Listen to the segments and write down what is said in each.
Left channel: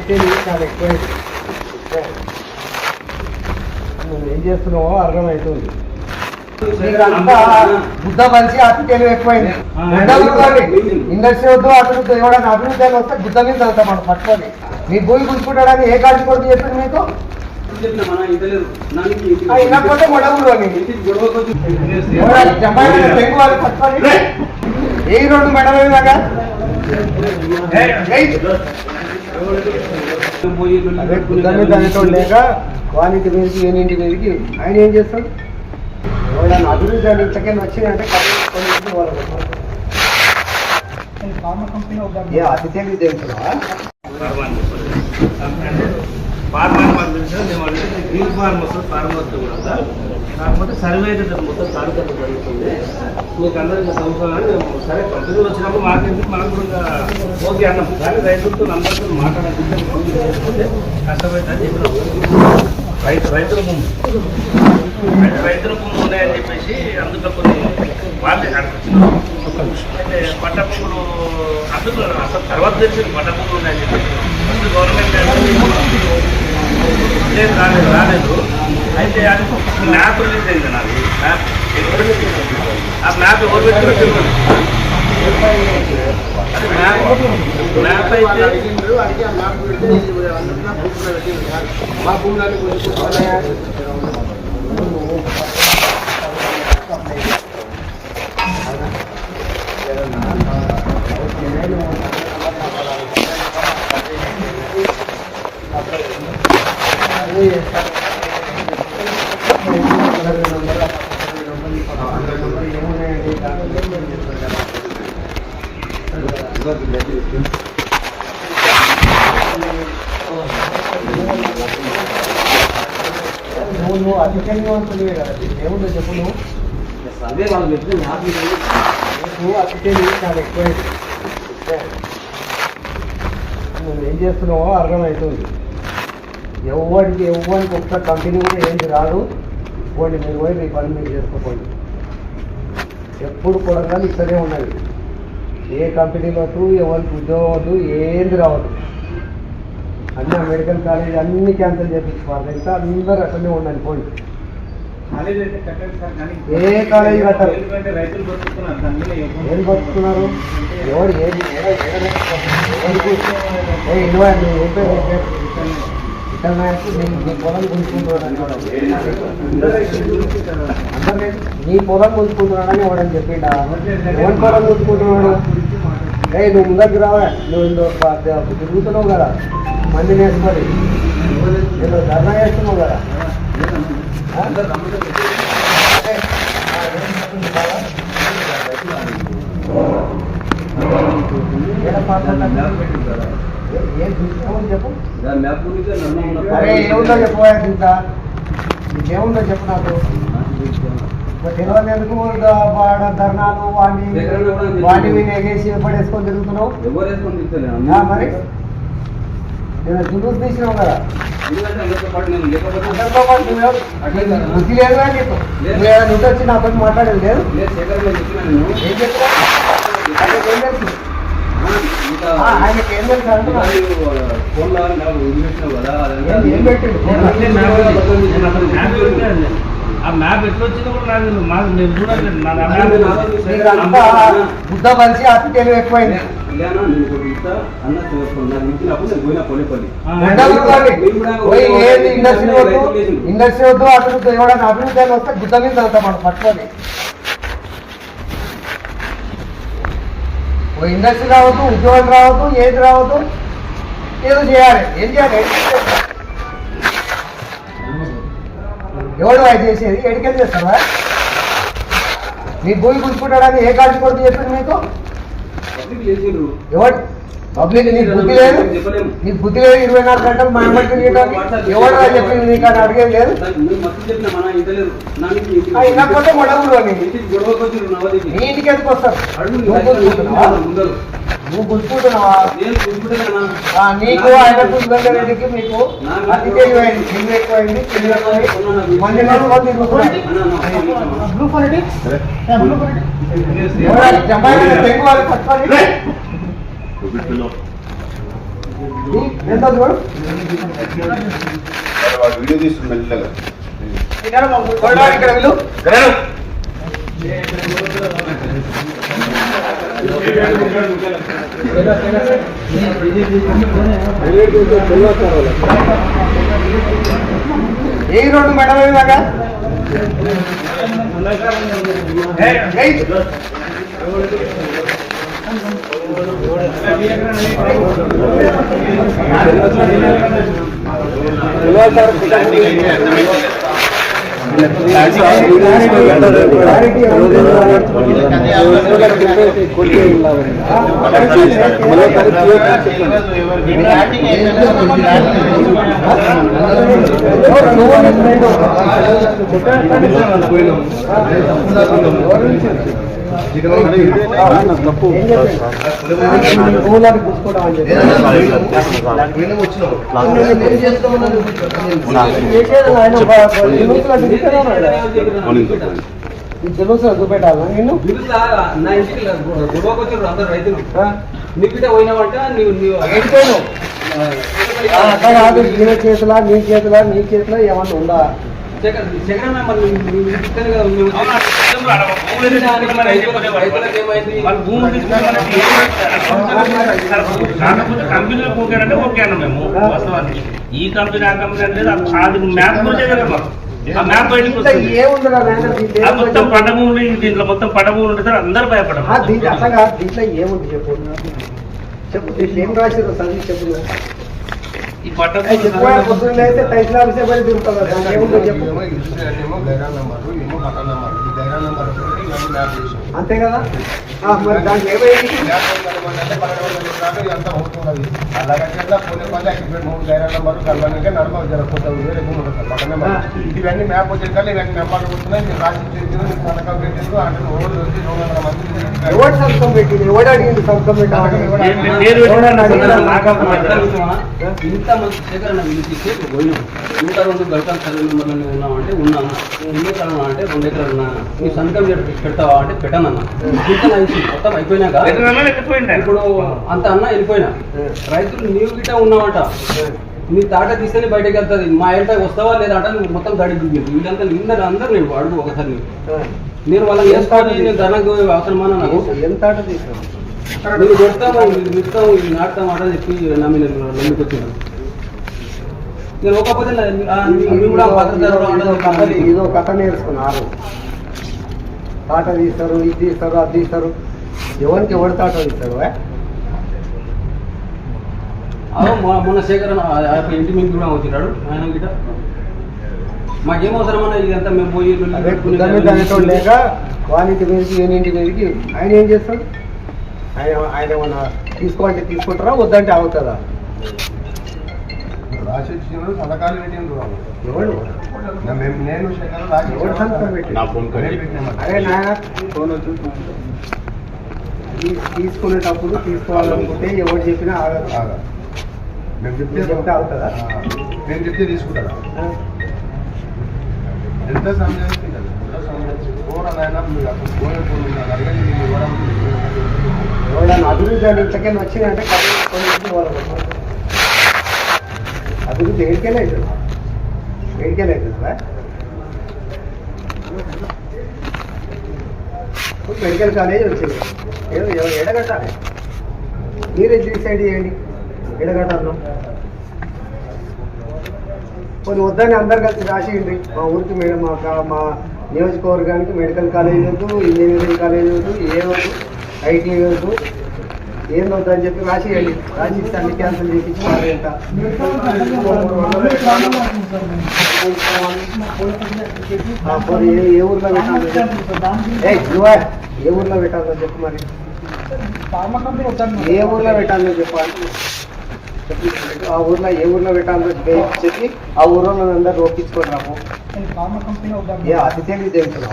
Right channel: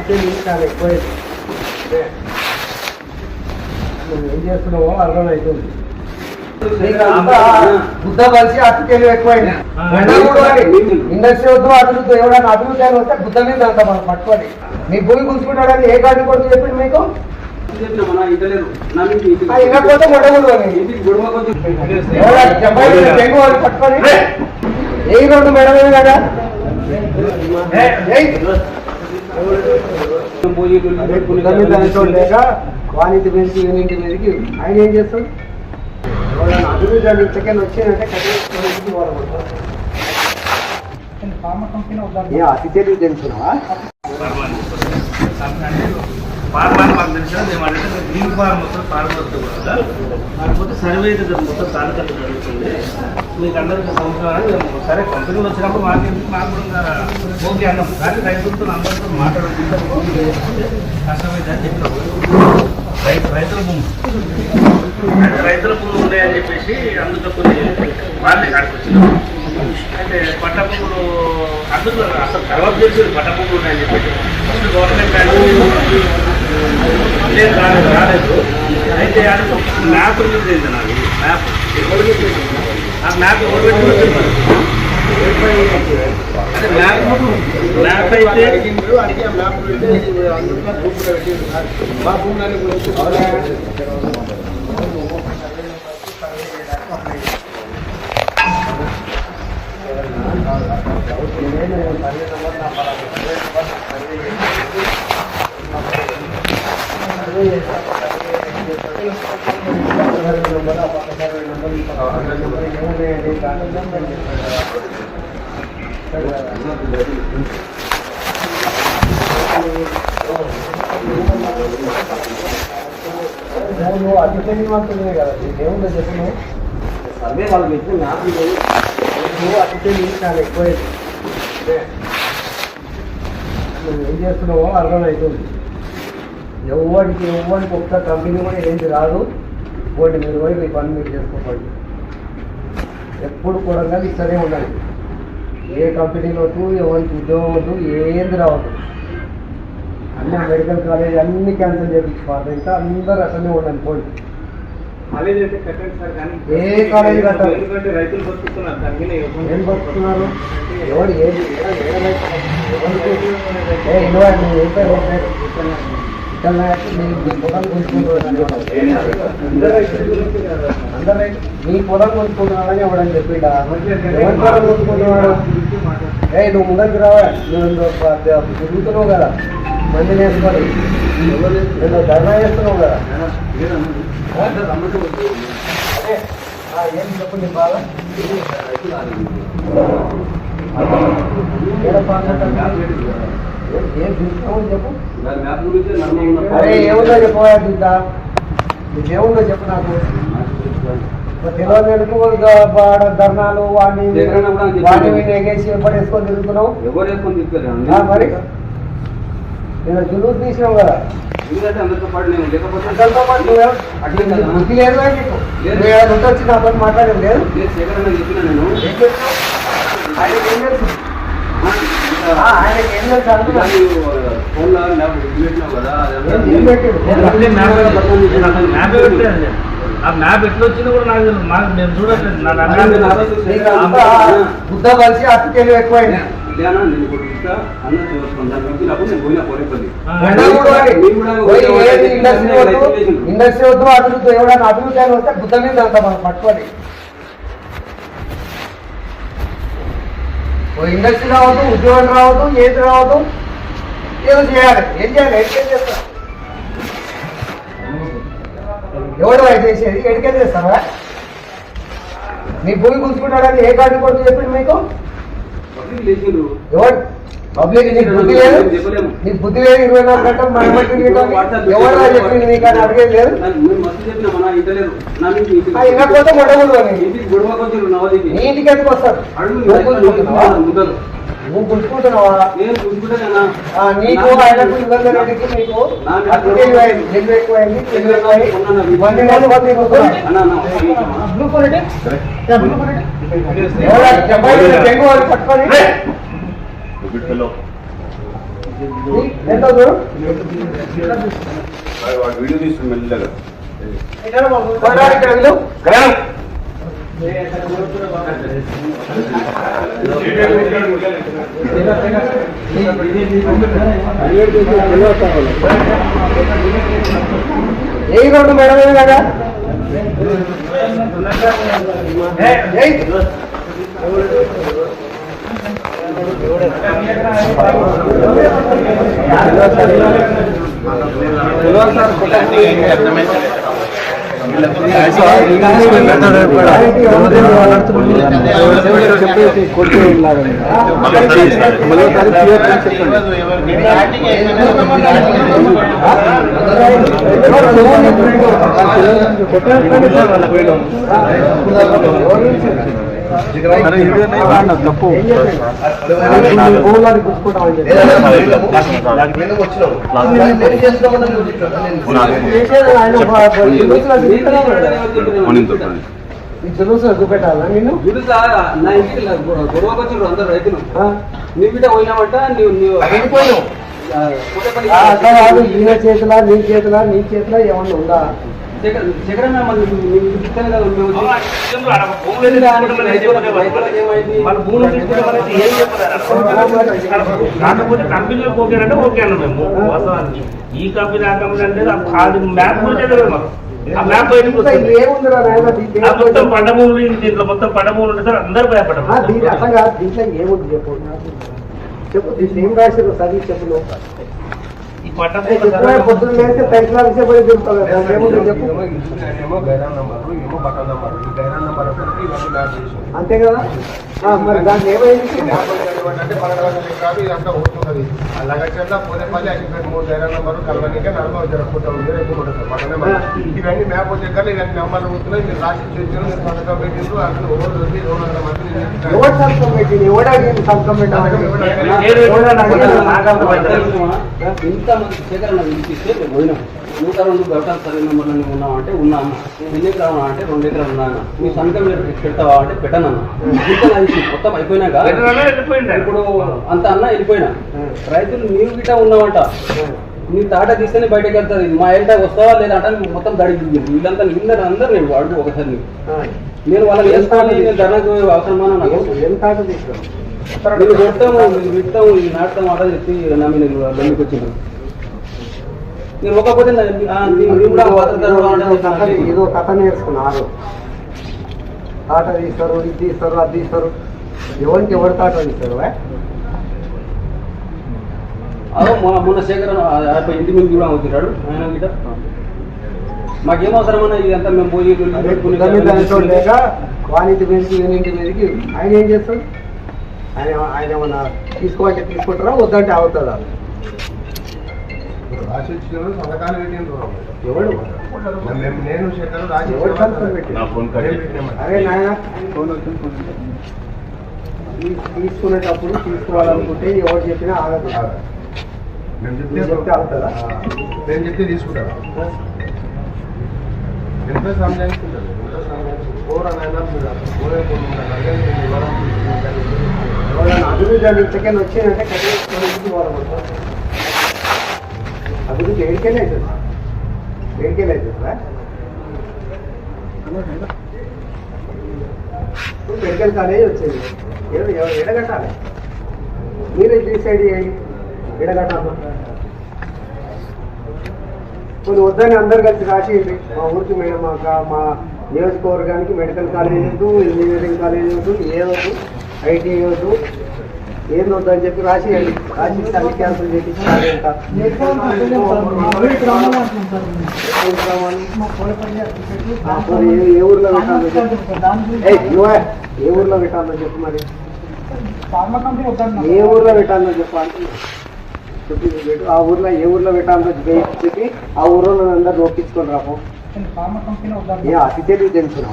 అతిథి చాలా ఎక్కువైంది. నువ్వు ఏం చేస్తున్నావో అర్థమవుతుంది. బుద్ధ మంచి అతిథి ఎక్కువైంది. ఇండస్ట్రీ వద్దు అభివృద్ధి ఎవడన్నా అభివృద్ధి అని వస్తే బుద్ధ మీద అంత మనం పట్టుకొని మీ భూమి చూసుకుంటాడని ఏ కాటి కొడుకు చెప్పింది మీకు? ఇనకపోతే మొడగుడు తెంగు వాళ్ళు పట్టుకొని ఏ రెండు మేడం ఏదాగా అదే బుద్ధ మీద అనేటోడు లేక వానింటి మీదకి ఈయనింటి మీదకి ఆయన ఏం చేస్తాడు? ఎవడన్నా అభివృద్ధి అని ఇంతకైనా వచ్చిందంటే ఏ అతి తెలివి తెలుసుకున్నావా? గ్రీన్ ఫార్మర్స్ కూడా కాకపోతే సర్వే అయితే మొత్తం తాలూకాలు జరుగుతుంది. మీకు అందరికీ సంవత్సరాలు సరే కంపెనీలు వచ్చినప్పుడు మాకు కూడా ఓకే అన్నాం. కానీ రైతులతో అందరితో మాట్లాడాలి. కష్టమైందని చెప్పిన రైతుల భూములు ఉన్నాయని చెప్పేసి అందులో కొన్ని వాళ్ళే నడిపించినాం. అయితే పట్ట భూములు అందులో అసలు తర్వాత తెలిసింది పట్ట భూములు ఉన్నాయని చెప్పేసి ఫస్ట్ గవర్నమెంట్ రాలేదు. అయితే అది మ్యాప్ రిలీజ్ అయింది. నాకు మ్యాప్ ఆ మ్యాప్ ఎవరు పెట్టుకుంటుంది? మ్యాప్ అయితే నువ్వు అతిథి అంటున్నాయి కదా, ఏముందో చెప్పు. నువ్వు అదే వాళ్ళు పెట్టిన నువ్వు అతిథి చాలా ఎక్కువైంది. నువ్వు ఏం చేస్తున్నావో అర్థమవుతుంది. ఎవరికి ఒక్క కంపెనీ కూడా ఏంటి రాదు. పోయింది మీరు పోయి మీ పని మీరు చేసుకోపోయింది. ఎప్పుడు కూడా ఇక్కడే ఉండాలి. ఏ కంపెనీలో వద్దు, ఎవరికి ఉద్యోగం వద్దు, ఏంది రావద్దు. అన్ని మెడికల్ కాలేజ్ అన్ని క్యాన్సిల్ చేయించుకోవాలి. ఇంకా అందరూ అసలే ఉండాలి. పోయి ఏ కాలేజీ కట్టారు? ఏం బతుకుతున్నారు? ఎవరు ఏది ఎవరికి ఏం పేరు మీ పొలం గుంజుకుంటున్నాడని మీ పొలం గుంజుకుంటున్నాడని ఎవడని చెప్పిండా? ఎవరి పొలం గుంజుకుంటున్నాడు? నువ్వు ముందరికి రావా? నువ్వు తిరుగుతున్నావు కదా, మంది నేర్చుకొని నువ్వు ధర్నా చేస్తున్నావు కదా. ఏం తీసుకున్నావు చెప్పు. అరే ఏముందో చెప్పు. ఇంకా నీకేముందో చెప్పు నాకు. తెలియదు ధర్నాలు వాడిని ఎగేసి ఎప్పుడేసుకొని తిరుగుతున్నావు మరి. నేను జులుసు తీసినావు కదా, అందరితో పాటు నువ్వు బుద్ధి లేదు అని చెప్పు. నువ్వు వచ్చి నా పని మాట్లాడేది లేదు. ఏం చెప్తావు? ఏం తెలుసు? ఆ మ్యాప్ ఎట్లా వచ్చింది కూడా నాకు నేను చూడండి. బుద్ధ మనిషి అతి తెలివి ఎక్కువైంది. ఇండస్ట్రీ వద్దు అభివృద్ధి ఎవడన్నా అభివృద్ధి అని వస్తే బుద్ధ మీద అంత మనం పట్టుకొని ఇండస్ట్రీ రావద్దు, ఉద్యోగం రావద్దు, ఏది రావద్దు, ఏదో చేయాలి. ఏం చేయాలి? ఎవడు అది చేసేది? ఎడికే చేస్తావా? మీ భూమి కూర్చుకుంటాడని ఏ కాటి కొడుకు చెప్పింది మీకు? ఎవరు పబ్లిక్? నీకు బుద్ధి లేదు, నీకు బుద్ధి లేదు. 24 గంటలు మన బట్టి ఎవరు చెప్పింది నీకు అని అడిగేది లేదు. ఇనకపోతే మొడగుడు అని నీ ఇంటికి ఎందుకు వస్తారు? నువ్వు గుర్తుకుంటున్నావా? నీకు ఆయనకు ఇబ్బంది రెడ్డికి నీకు అతి తెలివైంది. తెలివి ఎక్కువైంది, తెలివి ఎక్కువైంది. మంది తెంగు వాళ్ళు పట్టుకొని ఎంత చూడు వాడు వీడియో తీస్తుంది మెల్లగా ఇక్కడ వీళ్ళు ఏ రోడ్డు మేడం ఇలాగా చూపెట్టాలా నిన్ను గొడవకు వచ్చారు అందరు రైతులు నీ బిడ్డ పోయినావంట వెళ్ళిపోయావు అట్లా కాదు ఈయన చేతులా నీ చేతులా నీ చేతులా ఏమన్నా ఉందా శేఖరన్న మరి ఇస్తాను కదా కాకపోతే కంపెనీలో పోగానంటే ఓకే అన్న మేము వాస్తవానికి ఈ కంపెనీ ఆ కంపెనీ అంటే అది మ్యాప్ గురించి తెలియదు ఆ మ్యాప్ బయటకు వస్తుంది మొత్తం పండభూములు దీంట్లో మొత్తం పండభూములు ఉంటే సార్ అందరూ భయపడరు దీంట్లో అసలు దీంట్లో ఏముంది చెప్పు చెప్పు దీంట్లో ఏం రాశారు చదివి చెప్పు ఈ పట్టభూములు పొద్దున్న అయితే తైకులా విషయం పోయి దొరుకుతుంది దానికి ఏముందో చెప్పు అంతే కదా మరి దానికి ఏమైంది ఇవన్నీ మ్యాప్ వచ్చే కానీ ఇవన్నీ నెంబర్లు వస్తున్నాయి మీరు రాసి సంతకం పెట్టిండ్రు అంటే ఎవరు సంతకం పెట్టింది ఎవడు అడిగింది సంతకం ఇంత మంది శేఖరన్న పిలిపిస్తే పోయినాం 102 గంటల సర్వే మెంబర్లు ఉన్నామంటే ఉన్నాము 2 ఎకరాలు అంటే 2 ఎకరాలు ఉన్నాను మీ సంతకం పెడతావా అంటే పెట్టనన్నా మొత్తం అయిపోయినాక ఇప్పుడు అంత అన్న వెళ్ళిపోయినా రైతులు నీవు గిట్ట ఉన్నావంట నీ తాట తీస్తేనే బయటకు వెళ్తుంది మా ఇంట వస్తావా లేదా అంటే మొత్తం దడి వీళ్ళంతా అందరూ నేను అడుగు ఒకసారి నేను వాళ్ళని వేస్తాను ధరకు అవసరమా నాకు ఎంత ఆట తీసుకున్నాను నువ్వు చెప్తాము ఇస్తాం నాటుతాం ఆట చెప్పి నమ్మి నేను నమ్మికి వచ్చినాను నేను ఒకపోతే ఇదో కథ నేర్చుకున్నారు తాట తీస్తారు ఇది తీస్తారు అది తీస్తారు ఎవరికి ఎవరి తాట తీస్తారు అదో మొన్న శేఖరన్ ఇంటి మీద కూడా వచ్చినాడు ఆయన గిట మాకేం అవసరమన్నా ఇదంతా మేము పోయి అదే లేక వానింటి మీదకి వీనింటి మీదకి ఆయన ఏం చేస్తాడు ఆయన ఏమన్నా తీసుకోమంటే తీసుకుంటారా వద్దంటే అవుతుందా రాసి ఇచ్చినప్పుడు సంతకాలు పెట్టిండ్రు ఎవడు నేను ఎవరు సంతకం పెట్టి అరే నాయన తీసుకునేటప్పుడు తీసుకోవాలనుకుంటే ఎవరు చెప్పినా ఆగదు మేము చెప్తే అవుతుందా మేము చెప్తే తీసుకుంటారా ఎంత సమయానికి ఎవరైనా అభివృద్ధి అని ఇంతకైనా వచ్చిందంటే అభివృద్ధి ఏడికెళ్ళి అవుతుంది ఏడికెళ్ళి అవుతుందా మెడికల్ కాలేజ్ వచ్చింది ఏదో ఎడగట్టాలి మీరే డిసైడ్ చేయండి ఎడగట్టాలో కొన్ని వద్దని అందరు కలిసి రాసేయండి మా ఊరికి మా నియోజకవర్గానికి మెడికల్ కాలేజ్ వద్దు ఇంజనీరింగ్ కాలేజ్ వద్దు ఏ వద్దు ఐటీ వద్దు ఏం వద్దని చెప్పి రాసేయండి రాసిస్తే అన్ని క్యాన్సిల్ చేపించి ఏ ఊర్లో పెట్టాలో ఏ ఊర్లో పెట్టాలో చెప్పు మరి ఏ ఊర్లో పెట్టాలో చెప్పు అంటే ఆ ఊర్లో ఏ ఊర్లో పెట్టాలో చెప్పి ఆ ఊర్లో అందరు ఒప్పించుకొని రాకు ఏ అతి తెలివి తెలుసురా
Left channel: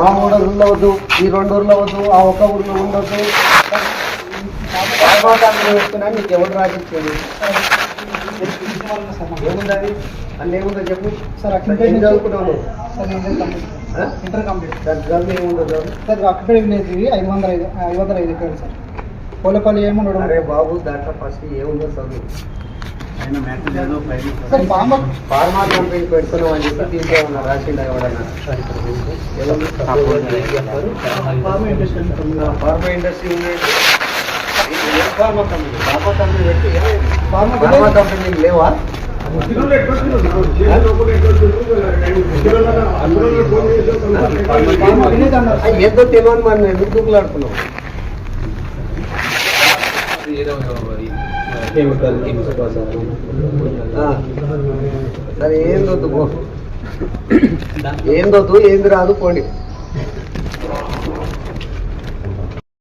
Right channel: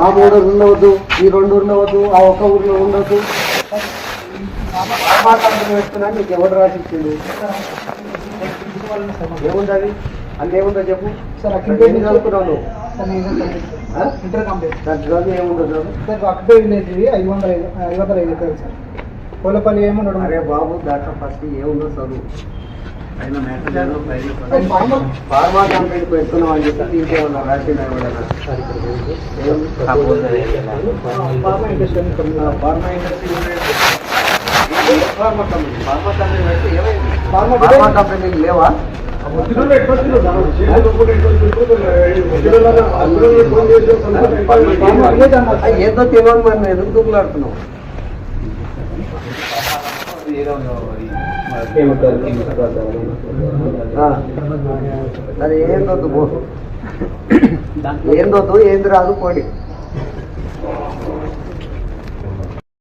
మా 3 ఊర్లో వద్దు ఈ 2 ఊర్లో వద్దు ఆ ఒక్క ఊర్లో ఉండొద్దు పెడుతున్నా నీకు ఎవరు రాసిచ్చింది ఏముంది అది అన్ని ఏముందో చెప్పు సార్ చదువుకున్నాము ఇంటర్ కంప్లీట్ దాని చదువు ఏముందో చదువు సార్ అక్కడ 505 ఎకరాలు సార్ కోలపల్లి ఏమన్నాడు అరే బాబు దాంట్లో ఫస్ట్ ఏముందో చదువు సార్ ఫార్మర్ ఫార్మా కంపెనీ పెడుతున్నాం అని చెప్పి దీంట్లో ఏమన్నా రాసిండా ఎవడన్నా pharma industry pharma industry pharma company పెడితే ఏమైంది ఫార్మా ఫార్మా కంపెనీలు లేవా ఏదో తెలియని మరి నేను ఎందుకు దూకులాడుతున్నావు సరే ఏందొద్దు పో ఏందొద్దు ఏంది రాదు పోండి